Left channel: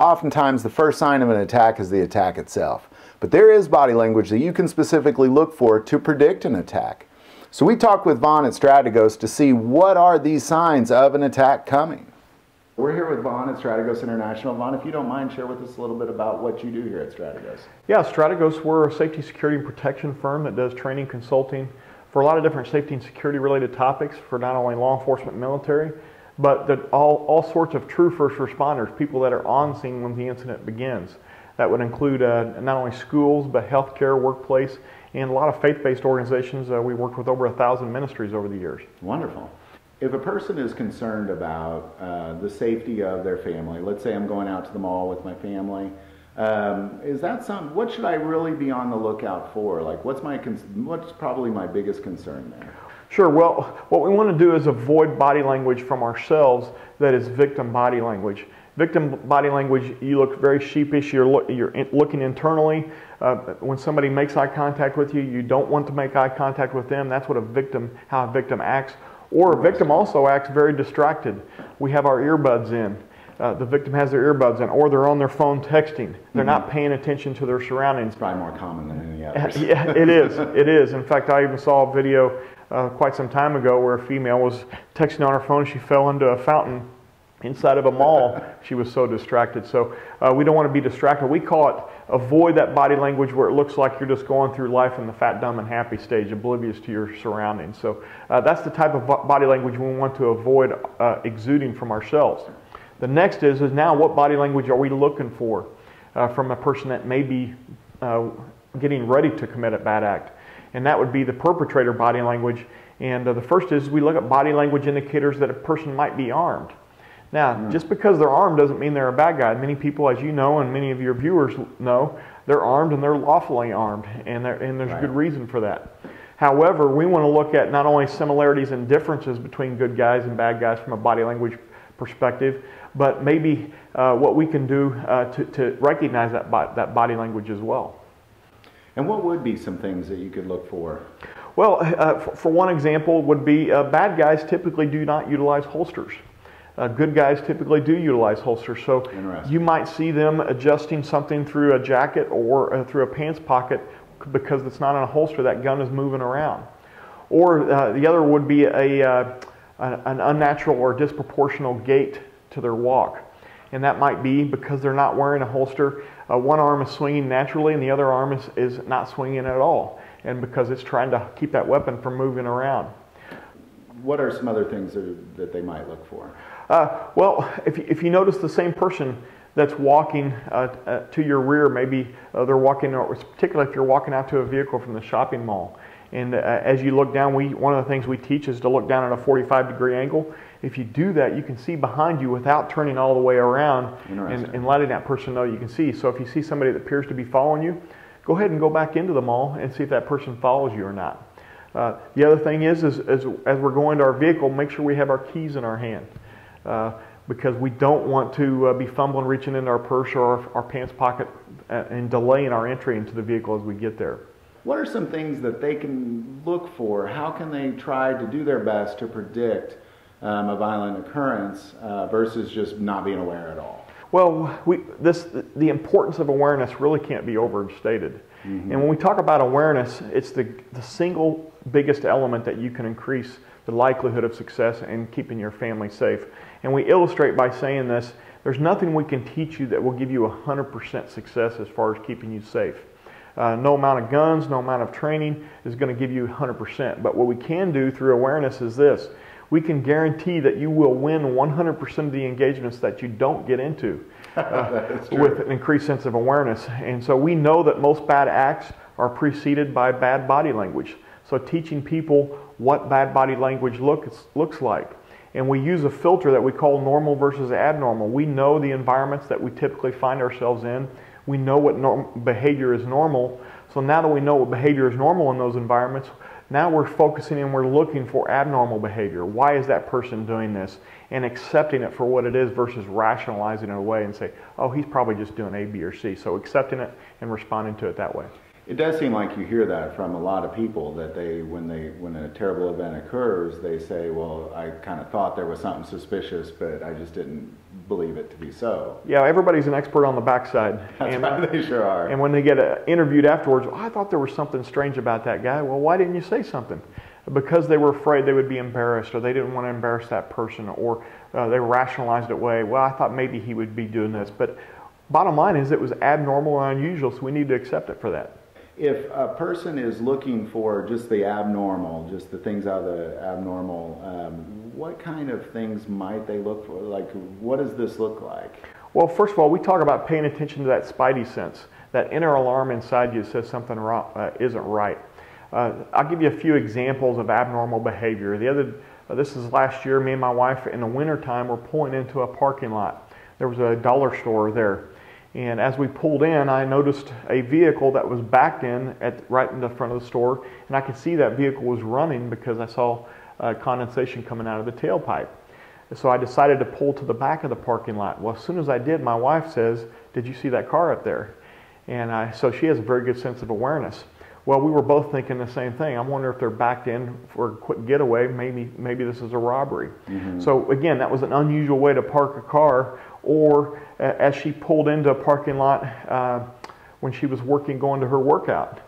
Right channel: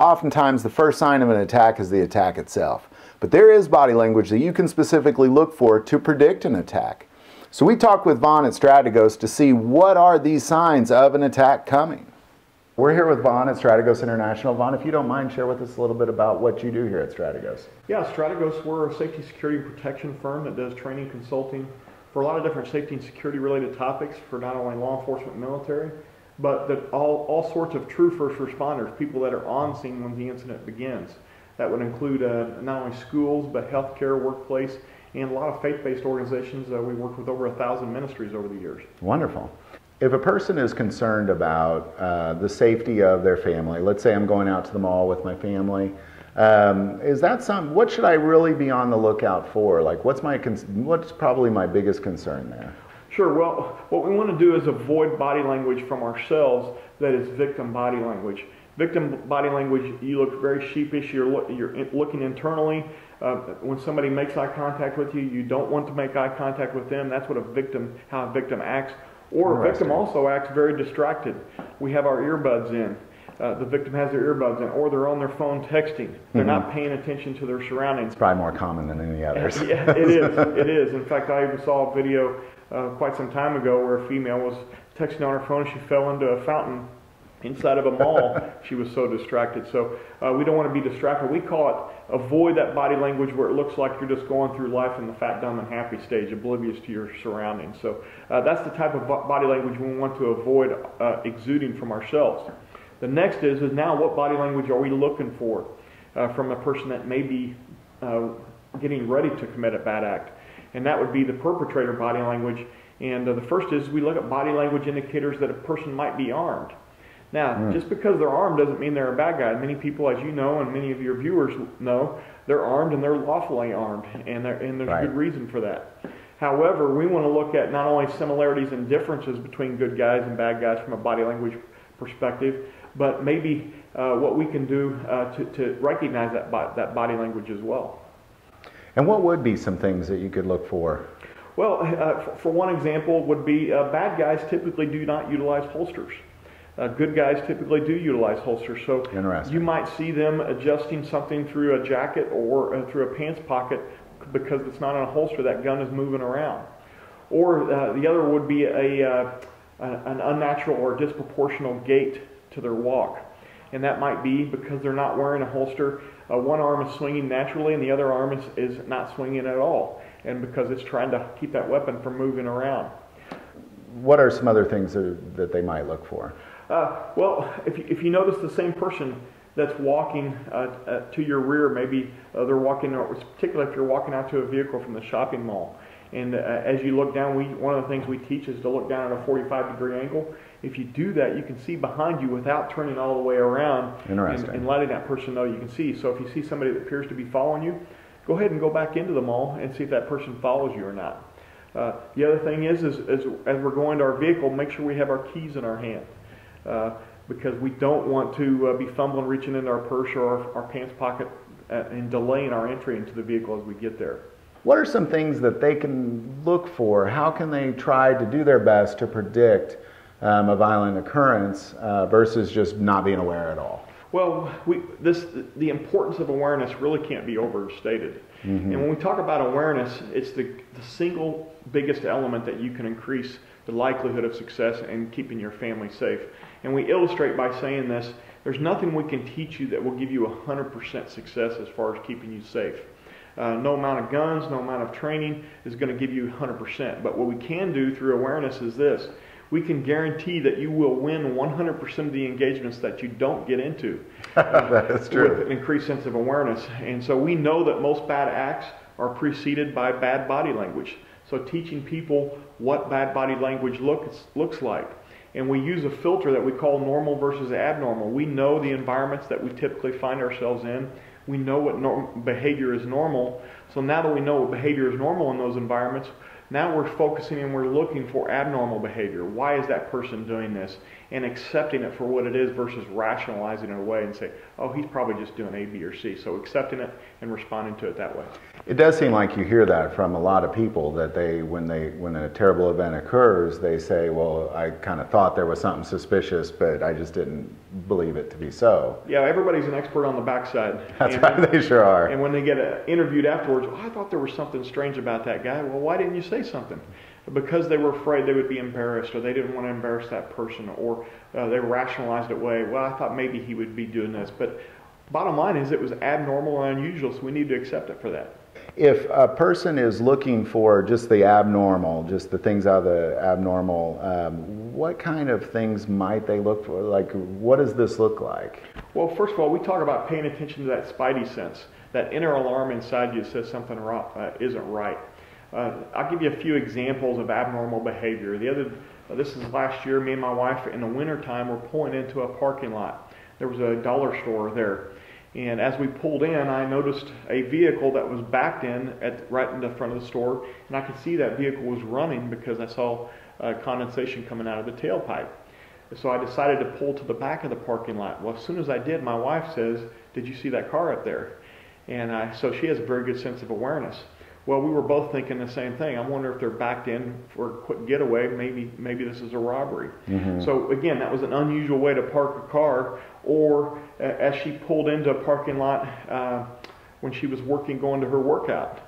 Oftentimes, the first sign of an attack is the attack itself. But there is body language that you can specifically look for to predict an attack. So we talked with Vaughn at Strategos to see what are these signs of an attack coming. We're here with Vaughn at Strategos International. Vaughn, if you don't mind, share with us a little bit about what you do here at Strategos. Yeah, Strategos, we're a safety, security, and protection firm that does training, consulting for a lot of different safety and security related topics for not only law enforcement and military, but that all sorts of true first responders, people that are on scene when the incident begins. That would include not only schools, but healthcare, workplace, and a lot of faith-based organizations. We worked with over 1,000 ministries over the years. Wonderful. If a person is concerned about the safety of their family, let's say I'm going out to the mall with my family, is that what should I really be on the lookout for? Like, what's probably my biggest concern there? Sure. Well, what we want to do is avoid body language from ourselves that is victim body language. Victim body language, you look very sheepish, you're looking internally. When somebody makes eye contact with you, you don't want to make eye contact with them. That's what how a victim acts. Or a victim also acts very distracted. We have our earbuds in. The victim has their earbuds in, or they're on their phone texting. They're not paying attention to their surroundings. It's probably more common than any others. Yeah, it is. It is. In fact, I even saw a video quite some time ago where a female was texting on her phone. She fell into a fountain inside of a mall. She was so distracted. So we don't want to be distracted. We call it avoid that body language where it looks like you're just going through life in the fat, dumb, and happy stage, oblivious to your surroundings. So that's the type of body language we want to avoid exuding from ourselves. The next is now what body language are we looking for from a person that may be getting ready to commit a bad act? And that would be the perpetrator body language. And the first is we look at body language indicators that a person might be armed. Now, just because they're armed doesn't mean they're a bad guy. Many people, as you know, and many of your viewers know, they're armed and they're lawfully armed, and there's a good reason for that. However, we want to look at not only similarities and differences between good guys and bad guys from a body language perspective, but maybe what we can do to recognize that body language as well. And what would be some things that you could look for? Well, for one example would be bad guys typically do not utilize holsters. Good guys typically do utilize holsters. So you might see them adjusting something through a jacket or through a pants pocket because it's not in a holster. That gun is moving around. Or the other would be an unnatural or disproportional gait to their walk. And that might be because they're not wearing a holster. One arm is swinging naturally and the other arm is not swinging at all. And because it's trying to keep that weapon from moving around. What are some other things that they might look for? Well, if you notice the same person that's walking to your rear, maybe they're walking, particularly if you're walking out to a vehicle from the shopping mall. And as you look down, one of the things we teach is to look down at a 45-degree angle. If you do that, you can see behind you without turning all the way around and letting that person know you can see. So if you see somebody that appears to be following you, go ahead and go back into the mall and see if that person follows you or not. The other thing is as we're going to our vehicle, make sure we have our keys in our hand. Because we don't want to be fumbling, reaching into our purse or our pants pocket and delaying our entry into the vehicle as we get there. What are some things that they can look for? How can they try to do their best to predict a violent occurrence versus just not being aware at all? Well, the importance of awareness really can't be overstated. And when we talk about awareness, it's the single biggest element that you can increase the likelihood of success in keeping your family safe. And we illustrate by saying this, there's nothing we can teach you that will give you 100% success as far as keeping you safe. No amount of guns, no amount of training is going to give you 100%. But what we can do through awareness is this. We can guarantee that you will win 100% of the engagements that you don't get into with an increased sense of awareness. And so we know that most bad acts are preceded by bad body language. So teaching people what bad body language looks like. And we use a filter that we call normal versus abnormal. We know the environments that we typically find ourselves in. We know what behavior is normal. So now that we know what behavior is normal in those environments, Now we're focusing and we're looking for abnormal behavior. Why is that person doing this? And accepting it for what it is versus rationalizing it away and say, oh, he's probably just doing A, B, or C. So accepting it and responding to it that way. It does seem like you hear that from a lot of people, that when a terrible event occurs, they say, well, I kind of thought there was something suspicious, but I just didn't believe it to be so. Yeah, everybody's an expert on the backside. That's right, they sure are. And when they get interviewed afterwards, oh, I thought there was something strange about that guy. Well, why didn't you say something? Because they were afraid they would be embarrassed, or they didn't want to embarrass that person, or they rationalized it away. Well, I thought maybe he would be doing this. But bottom line is it was abnormal and unusual, so we need to accept it for that. If a person is looking for just the abnormal, just the things out of the abnormal, what kind of things might they look for? Like, what does this look like? Well, first of all, we talk about paying attention to that spidey sense, that inner alarm inside you that says something isn't right. I'll give you a few examples of abnormal behavior. This is last year, me and my wife in the wintertime were pulling into a parking lot. There was a dollar store there. And as we pulled in, I noticed a vehicle that was backed in right in the front of the store, and I could see that vehicle was running because I saw condensation coming out of the tailpipe. So I decided to pull to the back of the parking lot. Well, as soon as I did, my wife says, "Did you see that car up there?" And so she has a very good sense of awareness. Well, we were both thinking the same thing. I'm wondering if they're backed in for a quick getaway. Maybe this is a robbery. Mm-hmm. So again, that was an unusual way to park a car. Or as she pulled into a parking lot when she was going to her workout.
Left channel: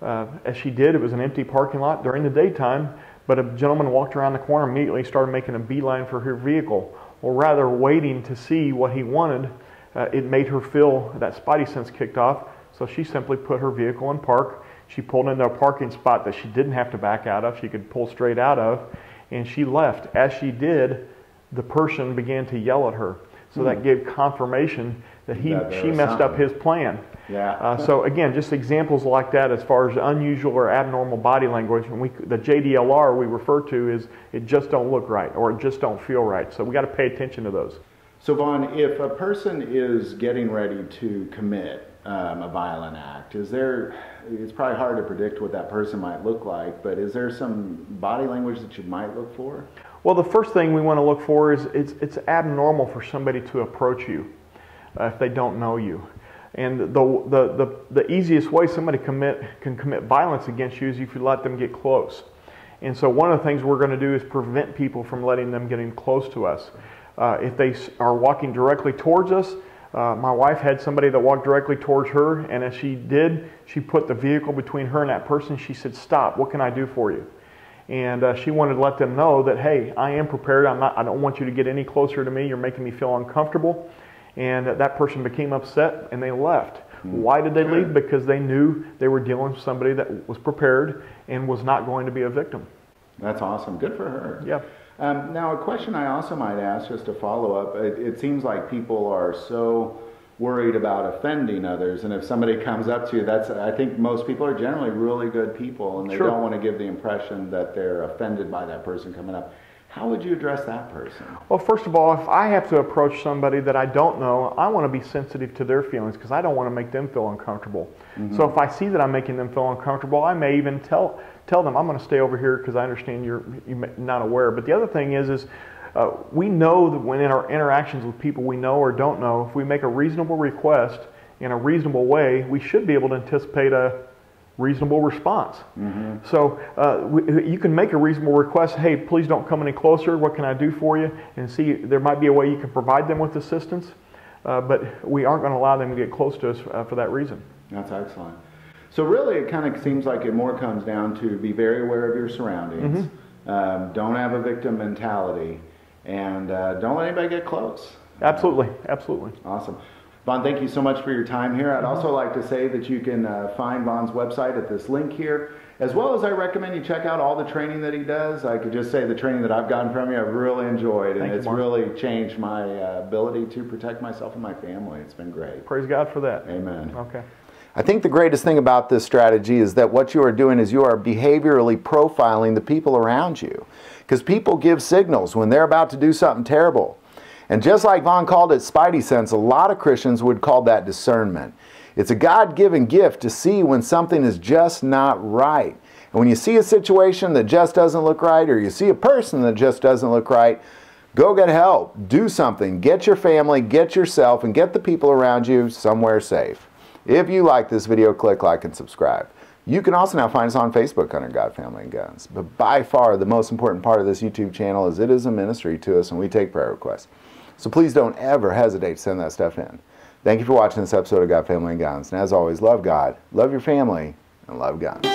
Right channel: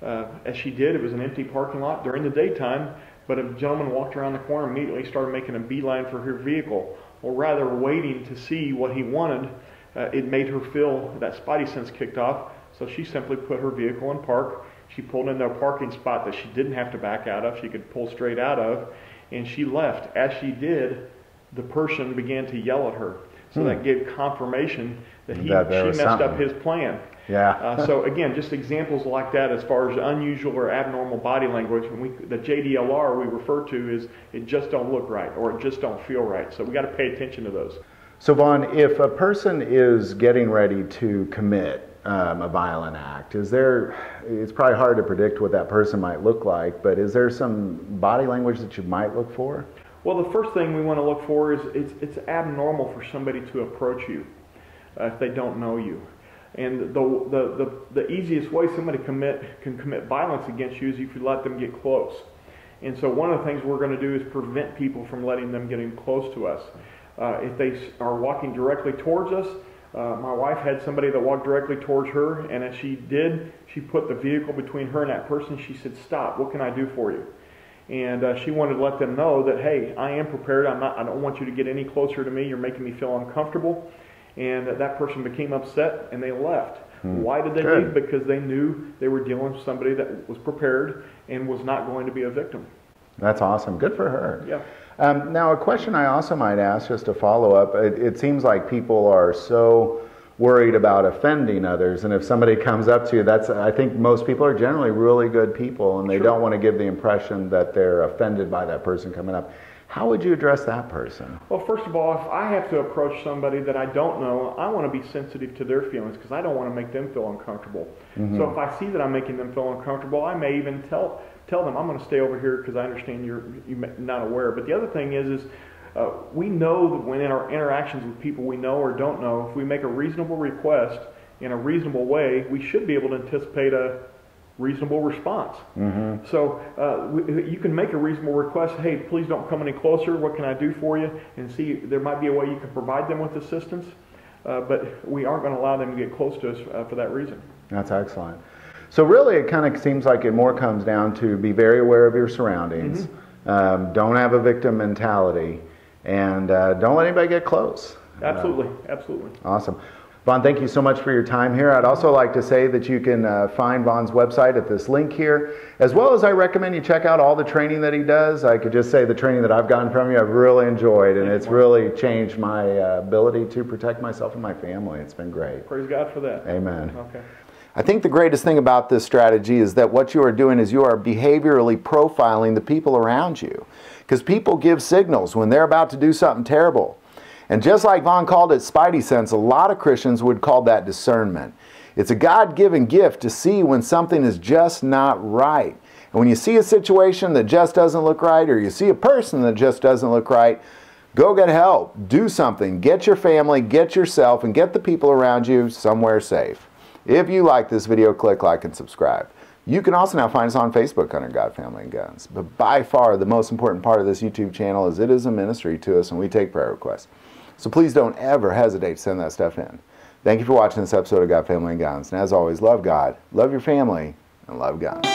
As she did, it was an empty parking lot during the daytime, but a gentleman walked around the corner and immediately started making a beeline for her vehicle. Well, rather waiting to see what he wanted, it made her feel that spidey sense kicked off, so she simply put her vehicle in park. She pulled into a parking spot that she didn't have to back out of, she could pull straight out of, and she left. As she did, the person began to yell at her. So that gave confirmation that she messed up his plan. Yeah. So again, just examples like that as far as unusual or abnormal body language. The JDLR we refer to is it just don't look right or it just don't feel right. So we got to pay attention to those. So Vaughn, if a person is getting ready to commit a violent act, it's probably hard to predict what that person might look like, but is there some body language that you might look for? Well, the first thing we want to look for is it's abnormal for somebody to approach you if they don't know you. And the easiest way somebody can commit violence against you is if you let them get close. And so one of the things we're going to do is prevent people from letting them get in close to us. If they are walking directly towards us, my wife had somebody that walked directly towards her, and as she did, she put the vehicle between her and that person. She said, "Stop, what can I do for you?" And she wanted to let them know that, hey, I am prepared. I don't want you to get any closer to me. You're making me feel uncomfortable. And that person became upset and they left. Why did they leave? Because they knew they were dealing with somebody that was prepared and was not going to be a victim. That's awesome. Good for her. Yeah. Now, a question I also might ask, just to follow up, it seems like people are so worried about offending others, and if somebody comes up to you, I think most people are generally really good people, and they don't want to give the impression that they're offended by that person coming up. How would you address that person? Well, first of all, if I have to approach somebody that I don't know, I want to be sensitive to their feelings because I don't want to make them feel uncomfortable. Mm-hmm. So if I see that I'm making them feel uncomfortable, I may even tell them, I'm going to stay over here because I understand you're not aware. But the other thing is we know that when in our interactions with people we know or don't know, if we make a reasonable request in a reasonable way, we should be able to anticipate a reasonable response. Mm-hmm. So you can make a reasonable request, hey, please don't come any closer, what can I do for you? And see, there might be a way you can provide them with assistance, but we aren't going to allow them to get close to us for that reason. That's excellent. So really it kind of seems like it more comes down to be very aware of your surroundings, mm-hmm. Don't have a victim mentality, and don't let anybody get close. Absolutely, absolutely. Awesome. Vaughn, thank you so much for your time here. I'd also like to say that you can find Vaughn's website at this link here, as well as I recommend you check out all the training that he does. I could just say the training that I've gotten from you, I've really enjoyed, and it's really changed my ability to protect myself and my family. It's been great. Praise God for that. Amen. Okay. I think the greatest thing about this strategy is that what you are doing is you are behaviorally profiling the people around you, because people give signals when they're about to do something terrible. And just like Vaughn called it spidey sense, a lot of Christians would call that discernment. It's a God-given gift to see when something is just not right. And when you see a situation that just doesn't look right, or you see a person that just doesn't look right, go get help. Do something. Get your family, get yourself, and get the people around you somewhere safe. If you like this video, click like and subscribe. You can also now find us on Facebook under God, Family, and Guns. But by far, the most important part of this YouTube channel is it is a ministry to us, and we take prayer requests. So please don't ever hesitate to send that stuff in. Thank you for watching this episode of God, Family, and Guns. And as always, love God, love your family, and love guns.